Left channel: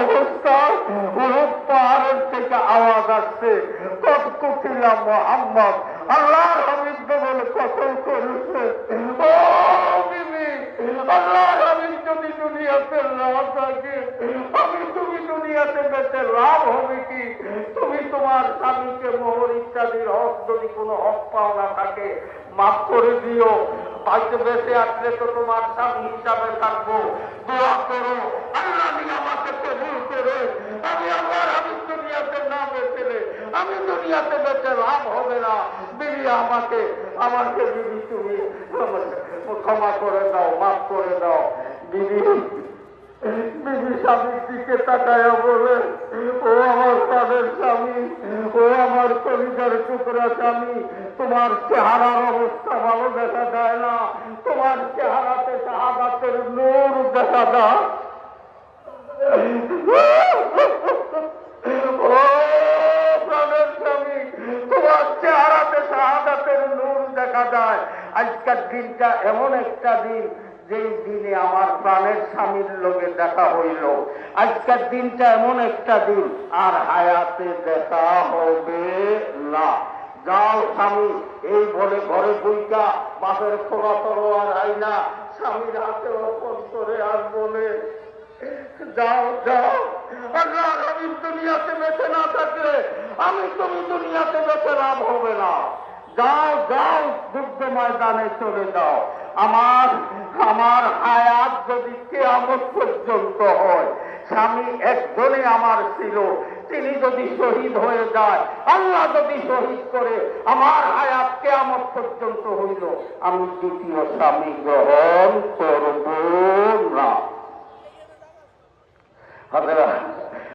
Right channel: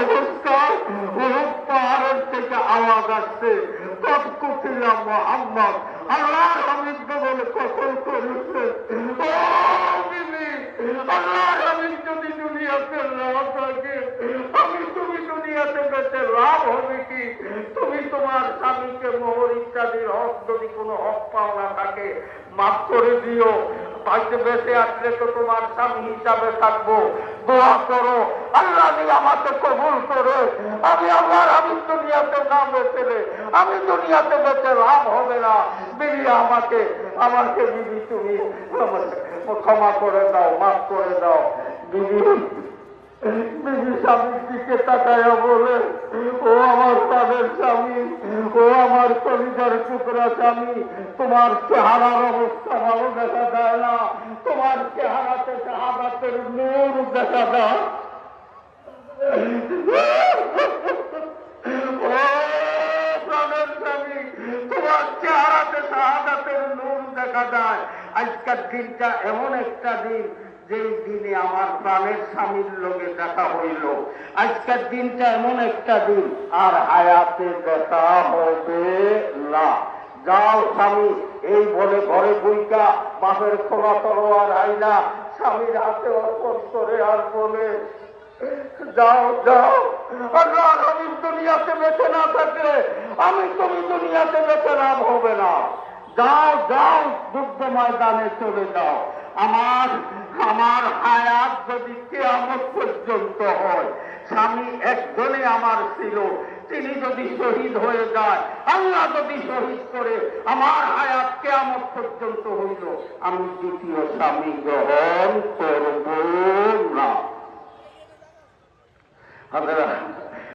অবস্থা পাহাড়ের থেকে আওয়াজ আসছে কত মোহাম্মদ আল্লাহ হামিদকে বলে আমি তুমি দুনিয়াতে বেঁচে লাভ হবে কি তুমি তোমার স্বামীকে ইত্যাদির হক, যদি কোনো হক পাওনা থাকে মাফ করে দিও। বাড়িতে বেঁচে আসলে তো তোমার স্বামী হিসাবে থাকব। দোয়া করো, আল্লাহ আমাকে কবুল করে। আমি আমার আমি দুনিয়াতে না বেঁচে। আমি দুনিয়াতে বেঁচে লাভ হবে না। বিবি আমাকে আমাকে বিবি তুমি ক্ষমা করে দাও, মাফ করে দাও। বিবি স্বামীর তাকায় বলে, ও আমার তাদের স্বামী, ও আমার কলিজার টুকরা স্বামী, তোমার চেহারার অবস্থা ভালো দেখা যায় না। তোমার চেহারাতে শাহাদাতের নূর দেখা যায়। ও আজকের দিনটা এমন একটা দিন যেই দিনে আমার প্রাণের স্বামীর লোকে দেখা হইল, আজকের দিনটা এমন একটা দিন, আর হায়াতে দেখা হবে না। যাও স্বামী, এই বলে ঘরে বইটা, বাপের খোলা তরোয়ার আইনা, স্বামীর হাতে অর্পণ করে আর বলে, যাও যাও আমি দুনিয়াতে বেঁচে না থাকলে, আমি তুমি দুনিয়াতে বেঁচে লাভ হবে না। যাও যাও যুদ্ধ ময়দানে চলে যাও। আমার আমার হায়াত যদি কেয়ামত পর্যন্ত হয়, স্বামী একজনে আমার ছিল, তিনি যদি শহীদ হয়ে যায়, আল্লাহ যদি শহীদ করে, আমার হায়াত কেয়ামত পর্যন্ত হইল, আমি দ্বিতীয় স্বামী গ্রহণ করব না। হাজারা